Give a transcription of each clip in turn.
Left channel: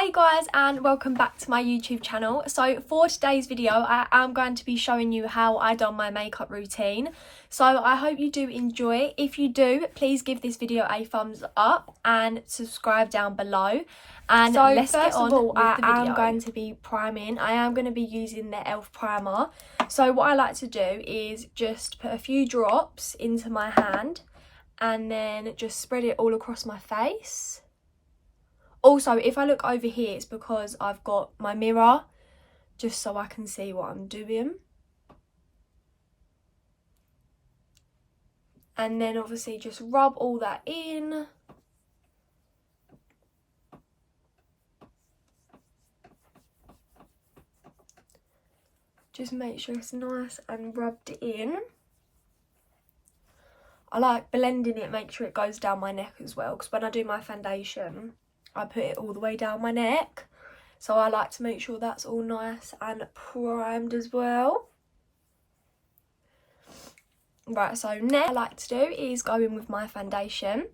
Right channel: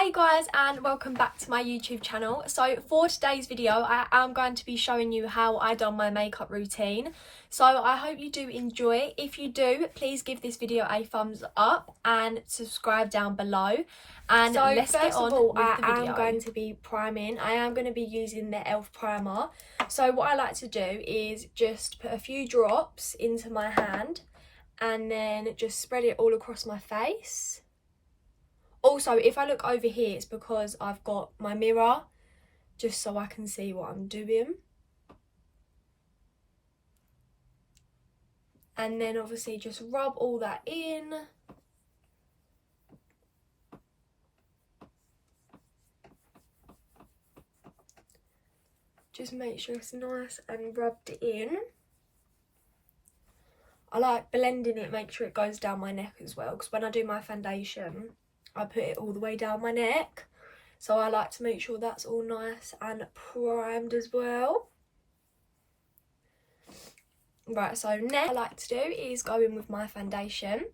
Hey guys, and welcome back to my YouTube channel. So for today's video I am going to be showing you how I done my makeup routine. So I hope you do enjoy it. If you do, please give this video a thumbs up and subscribe down below. And so let's get on with the video. I am going to be priming. I am going to be using the e.l.f. primer. So what I like to do is just put a few drops into my hand and then just spread it all across my face. Also, if I look over here, it's because I've got my mirror, just so I can see what I'm doing. And then obviously just rub all that in. Just make sure it's nice and rubbed in. I like blending it, make sure it goes down my neck as well, because when I do my foundation, I put it all the way down my neck, so I like to make sure that's all nice and primed as well. Right, so next I like to do is go in with my foundation.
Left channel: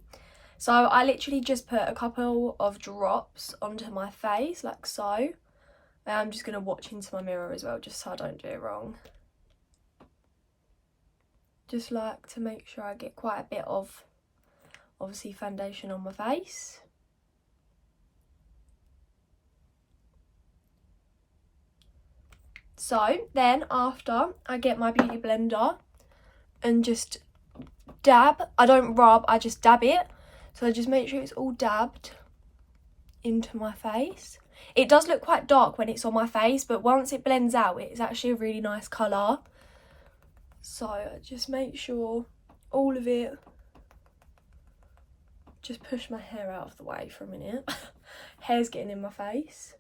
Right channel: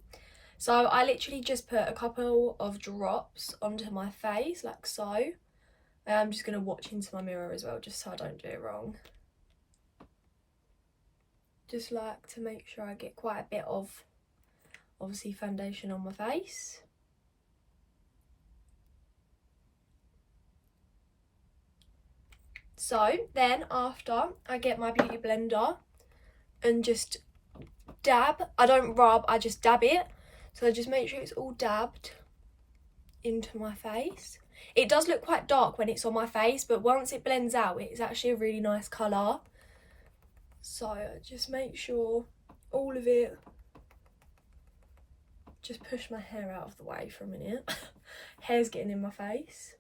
So I literally just put a couple of drops onto my face like so. I'm just going to watch into my mirror as well, just so I don't do it wrong. Just like to make sure I get quite a bit of obviously foundation on my face. So then after, I get my beauty blender and just dab. I don't rub, I just dab it. So I just make sure it's all dabbed into my face. It does look quite dark when it's on my face, but once it blends out, it's actually a really nice colour. So I just make sure all of it. Just push my hair out of the way for a minute. Hair's getting in my face.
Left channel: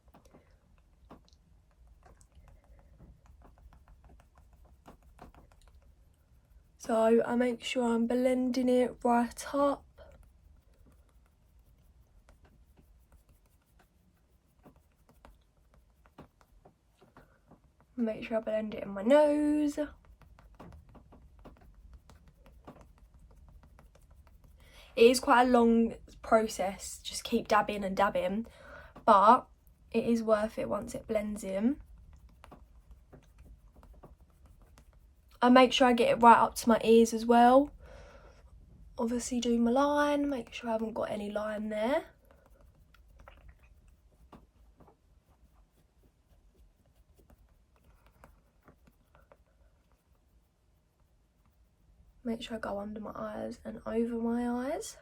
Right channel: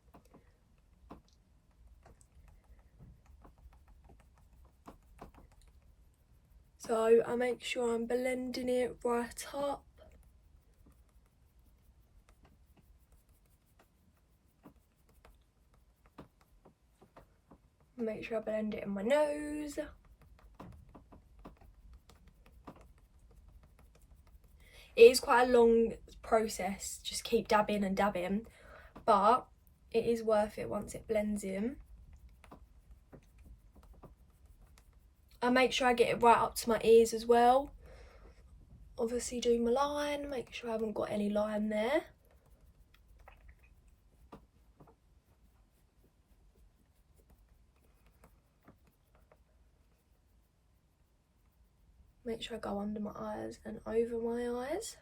So I make sure I'm blending it right up. Make sure I blend it in my nose. It is quite a long process, just keep dabbing and dabbing, but it is worth it once it blends in. I make sure I get it right up to my ears as well. Obviously do my line, make sure I haven't got any line there. Make sure I go under my eyes and over my eyes.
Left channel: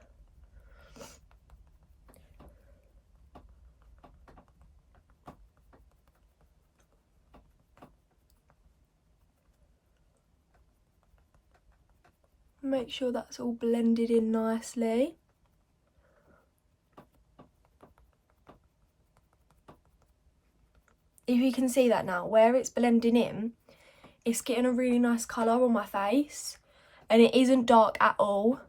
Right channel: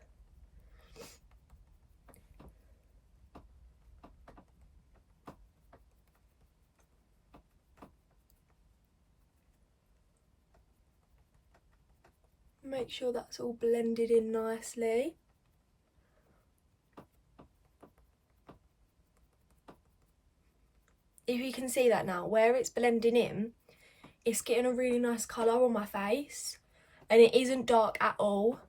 Make sure that's all blended in nicely. If you can see that now, where it's blending in, it's getting a really nice colour on my face. And it isn't dark at all.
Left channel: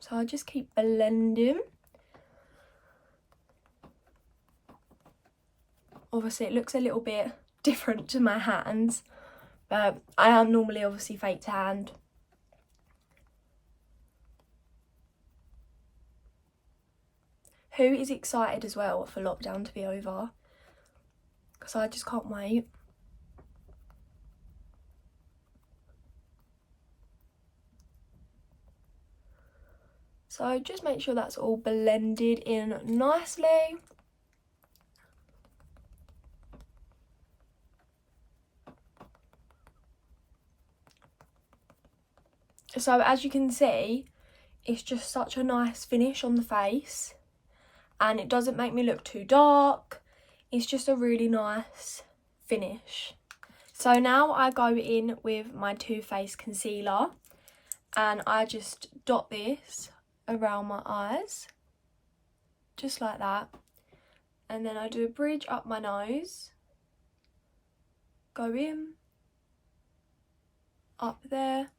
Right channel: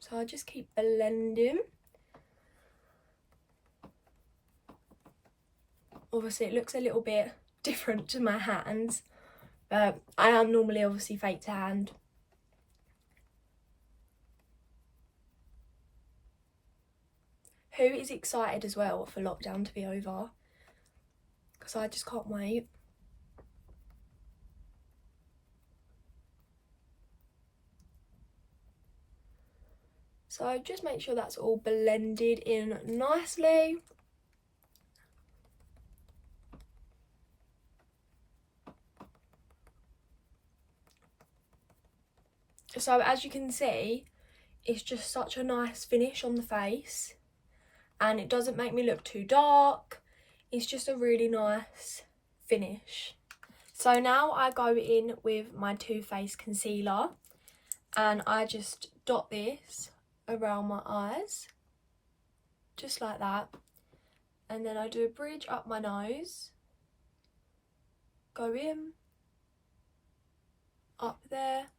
So I just keep blending. Obviously it looks a little bit different to my hands, but I am normally obviously fake tanned. Who is excited as well for lockdown to be over? Because I just can't wait. So just make sure that's all blended in nicely. So as you can see, it's just such a nice finish on the face. And it doesn't make me look too dark. It's just a really nice finish. So now I go in with my Too Faced concealer. And I just dot this around my eyes, just like that, and then I do a bridge up my nose, go in, up there,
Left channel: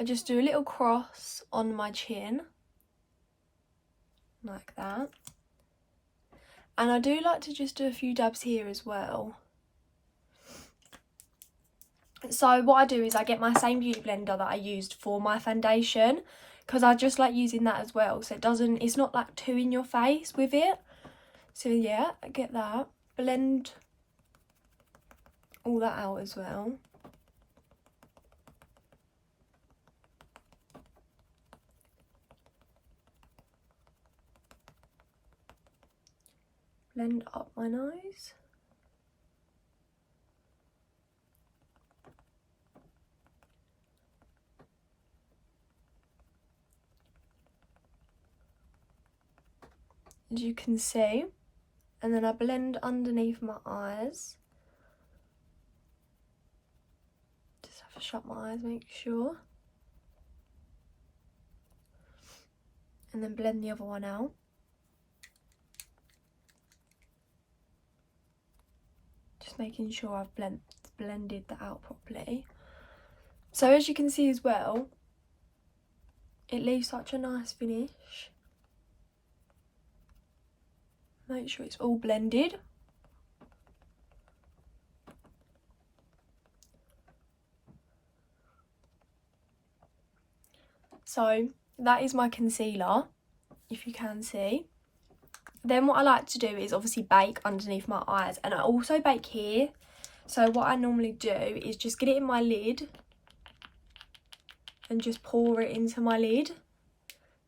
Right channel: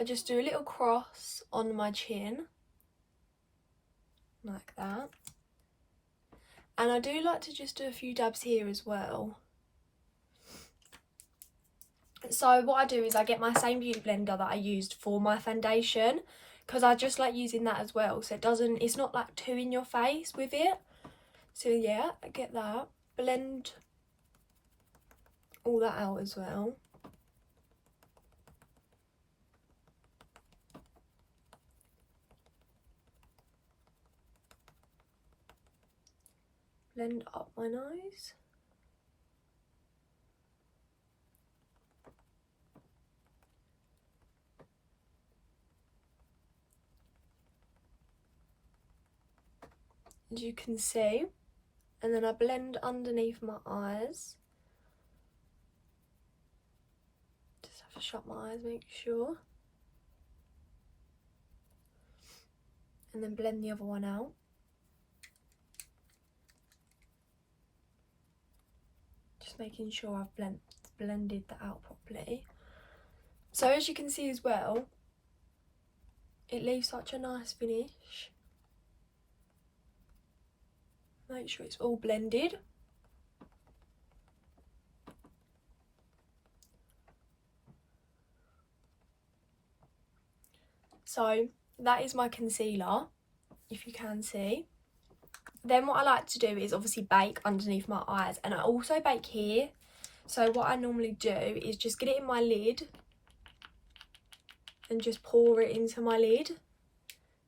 I just do a little cross on my chin, like that, and I do like to just do a few dabs here as well. So what I do is I get my same beauty blender that I used for my foundation, because I just like using that as well, so it's not like too in your face with it. So yeah, I get that. Blend all that out as well. Blend up my nose. As you can see, and then I blend underneath my eyes. Just have to shut my eyes, make sure. And then blend the other one out. Just making sure I've blended that out properly. So as you can see as well, it leaves such a nice finish. Make sure it's all blended. So that is my concealer, if you can see. Then what I like to do is obviously bake underneath my eyes, and I also bake here. So what I normally do is just get it in my lid and just pour it into my lid.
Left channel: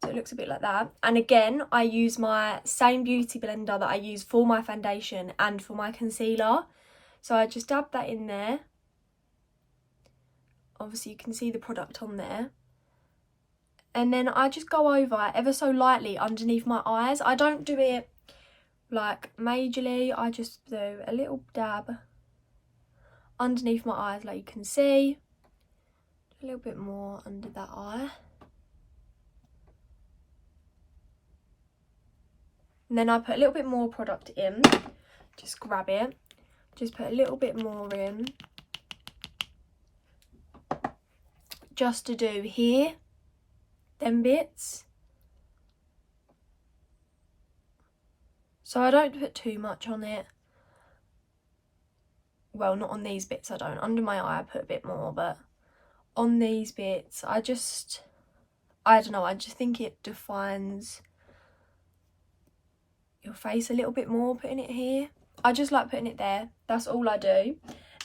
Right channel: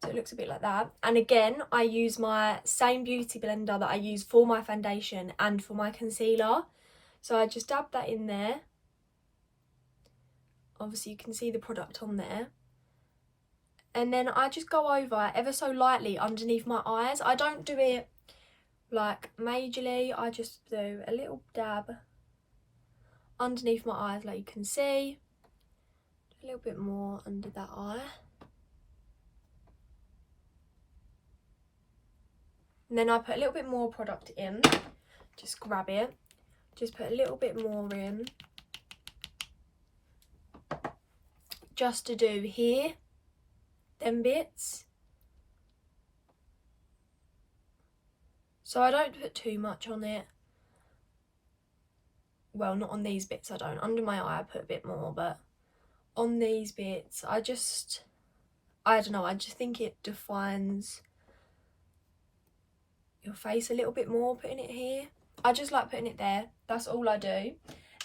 So it looks a bit like that. And again, I use my same beauty blender that I use for my foundation and for my concealer. So I just dab that in there. Obviously you can see the product on there. And then I just go over ever so lightly underneath my eyes. I don't do it like majorly. I just do a little dab underneath my eyes, like you can see. A little bit more under that eye. And then I put a little bit more product in. Just grab it. Just put a little bit more in. Just to do here. Them bits. So I don't put too much on it. Well, not on these bits I don't. Under my eye I put a bit more, but on these bits I don't know, I just think it defines your face a little bit more putting it here. I just like putting it there. That's all I do.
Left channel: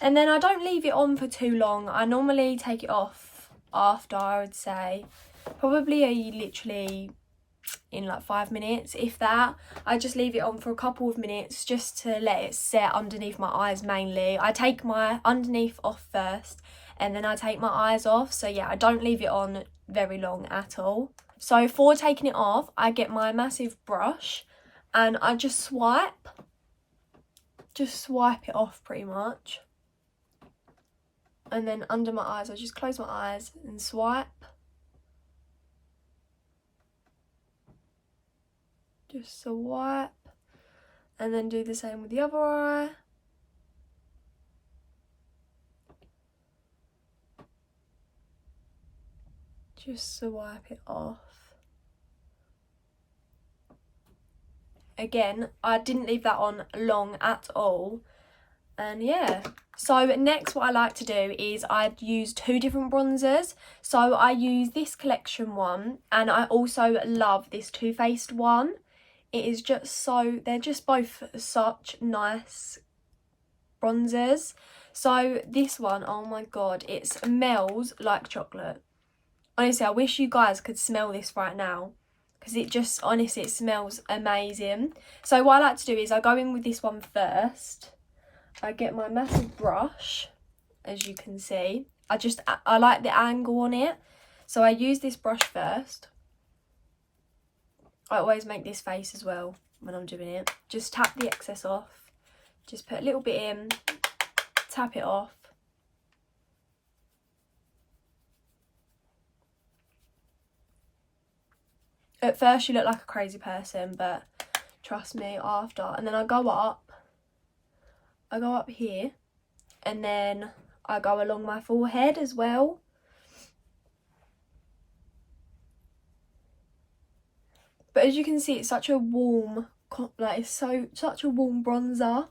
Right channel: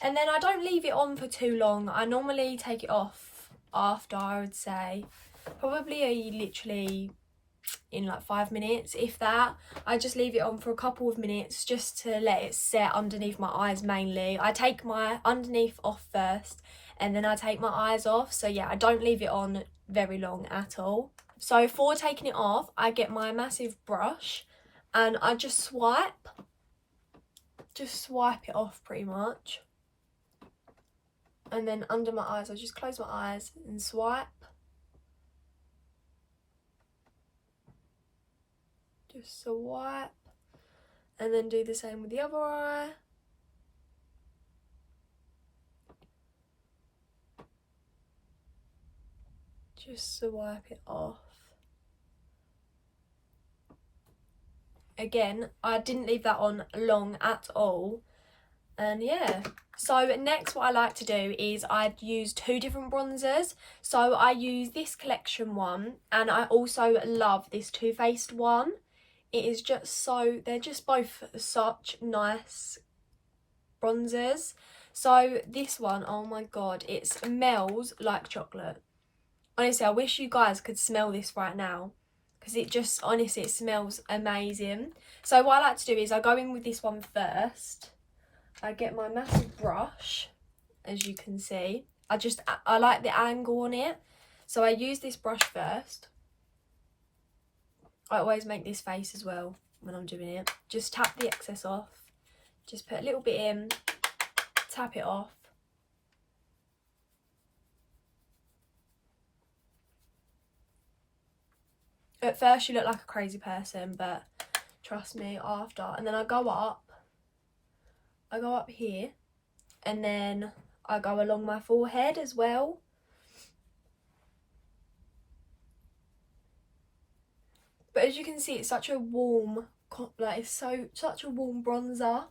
And then I don't leave it on for too long. I normally take it off after, I would say. Probably literally in like 5 minutes, if that. I just leave it on for a couple of minutes just to let it set underneath my eyes mainly. I take my underneath off first and then I take my eyes off. So yeah, I don't leave it on very long at all. So for taking it off, I get my massive brush and I just swipe it off pretty much. And then under my eyes, I just close my eyes and swipe. Just swipe. And then do the same with the other eye. Just swipe it off. Again, I didn't leave that on long at all. And yeah, so next what I like to do is I use 2 different bronzers. So I use this collection one and I also love this Too Faced one. It is just they're just both such nice bronzers. So this one, oh my god, it smells like chocolate. Honestly, I wish you guys could smell this right now. Because it just, honestly, it smells amazing. So what I like to do is I go in with this one first. I get my massive brush, as you can see. I like the angle on it. So I use this brush first. I always make this face as well when I'm doing it. Just tap the excess off. Just put a little bit in. Tap it off. At first you look like a crazy person, but trust me, after. And then I go up here, and then I go along my forehead as well. But as you can see, it's such a warm, like it's such a warm bronzer.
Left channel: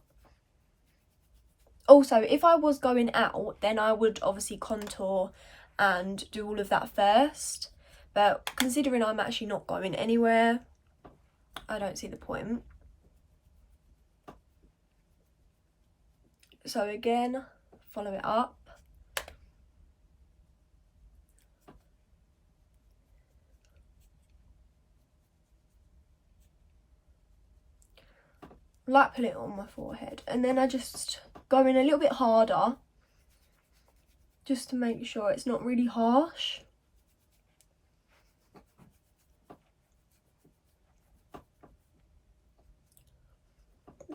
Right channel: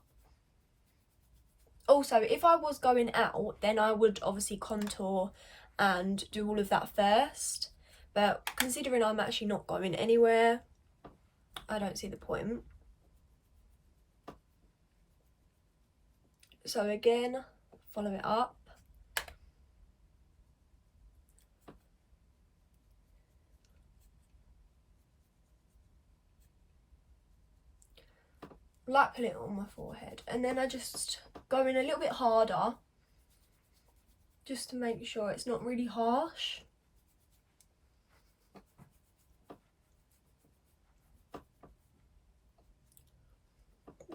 Also, if I was going out, then I would obviously contour and do all of that first. but considering I'm actually not going anywhere, I don't see the point. So again, follow it up. Like put it on my forehead, and then I just go in a little bit harder just to make sure it's not really harsh.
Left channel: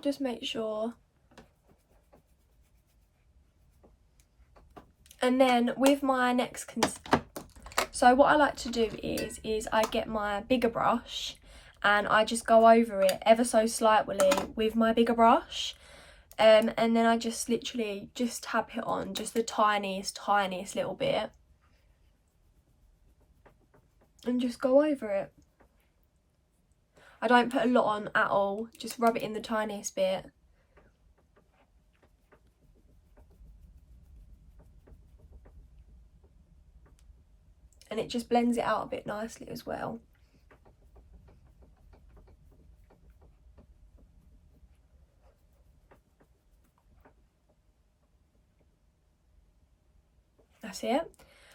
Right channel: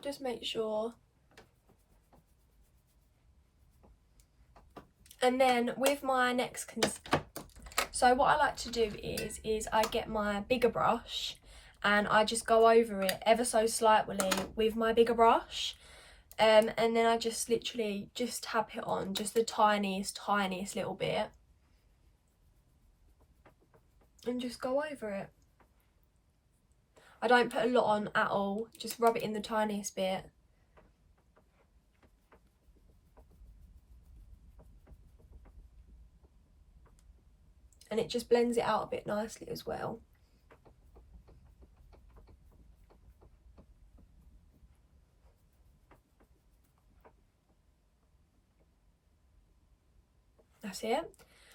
Just make sure. And then with my next so what I like to do is I get my bigger brush and I just go over it ever so slightly with my bigger brush, and then I just literally just tap it on just the tiniest little bit and just go over it. I don't put a lot on at all, just rub it in the tiniest bit. And it just blends it out a bit nicely as well. That's it.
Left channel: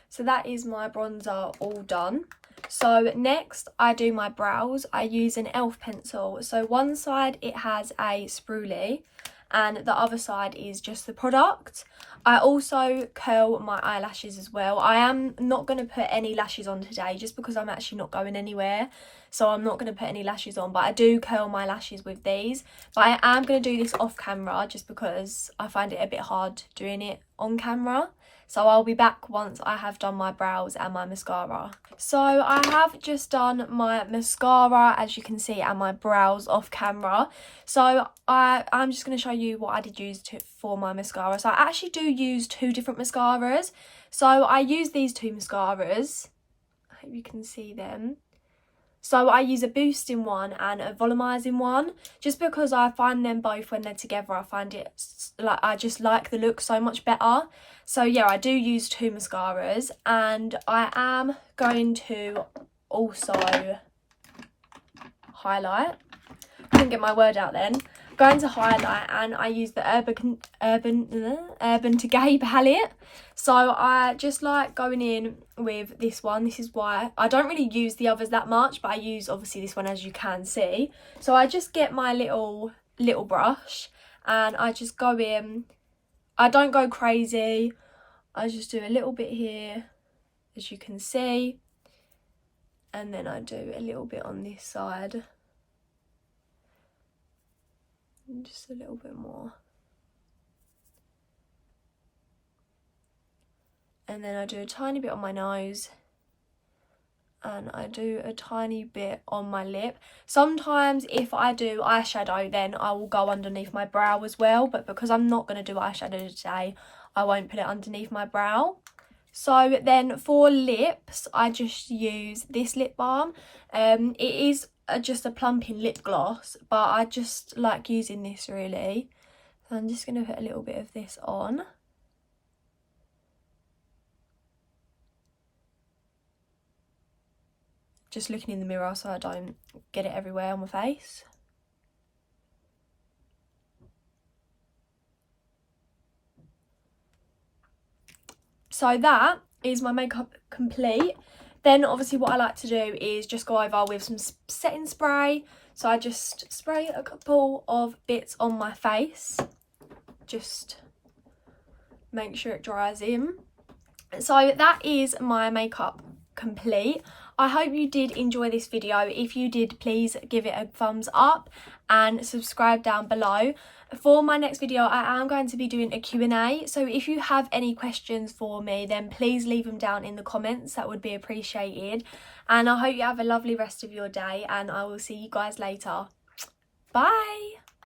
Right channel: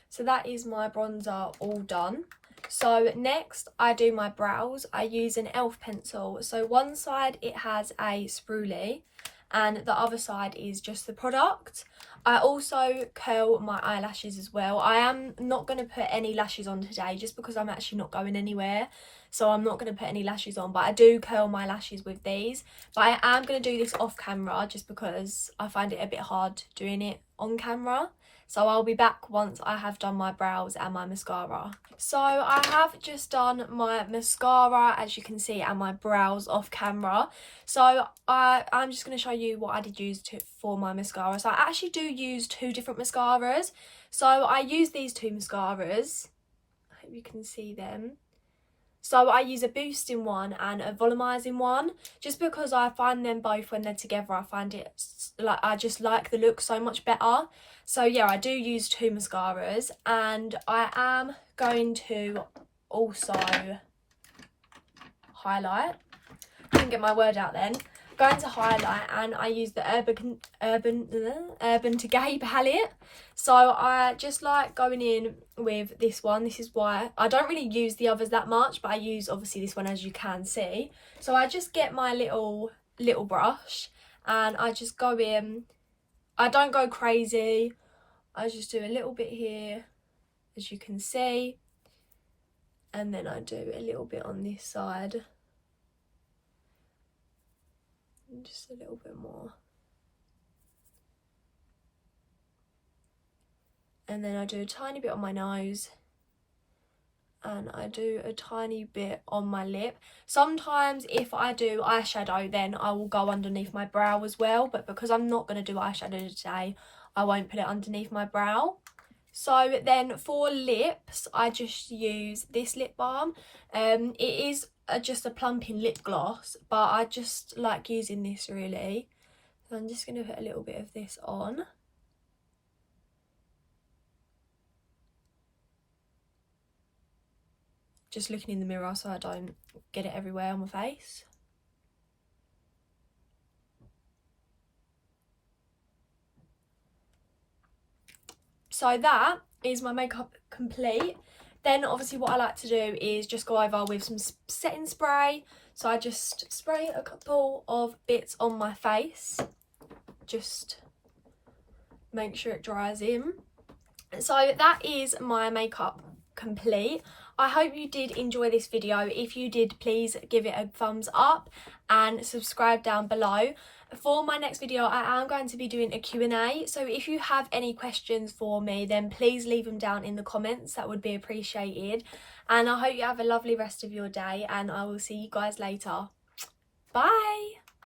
So that is my bronzer all done. So next I do my brows. I use an e.l.f. pencil. So one side it has a spoolie and the other side is just the product. I also curl my eyelashes as well. I am not going to put any lashes on today just because I'm actually not going anywhere. So I'm not going to put any lashes on, but I do curl my lashes with these. But I am going to do this off camera just because I find it a bit hard doing it on camera. So I'll be back once I have done my brows and my mascara. So I have just done my mascara, as you can see, and my brows off camera. So I'm just going to show you what I did use for my mascara. So I actually do use 2 different mascaras. So I use these 2 mascaras. I hope you can see them. So I use a boosting one and a volumizing one, just because I find them both when they're together, I find it like I just like the look so much better. So yeah, I do use 2 mascaras, and I am going to also highlight. Couldn't get my word out then. Going to highlight, and I use the Urban Decay palette. So I just like going in with this one. This is why I don't really use the others that much, but I use obviously this one, as you can see. So I just get my little brush and I just go in. I don't go crazy. I just do a little bit here, as you can see, and then I do a little bit on this side, and just a little bit more, and then I do a tiny bit on my nose, and I do a tiny bit on my lip. Sometimes if I do eyeshadow, then I will go underneath my brow as well, but because I'm not going to do eyeshadow today, I won't put it underneath my brow. So then for lips, I just use this lip balm. It is just a plumping lip gloss, but I just like using this really. So I'm just going to put a little bit of this on. Just looking in the mirror so I don't get it everywhere on my face. So that is my makeup complete. Then obviously what I like to do is just go over with some setting spray. So I just spray a couple of bits on my face. Just make sure it dries in. So that is my makeup complete. I hope you did enjoy this video. If you did, please give it a thumbs up and subscribe down below. For my next video, I am going to be doing a Q&A. So if you have any questions for me, then please leave them down in the comments. That would be appreciated. And I hope you have a lovely rest of your day, and I will see you guys later. Bye.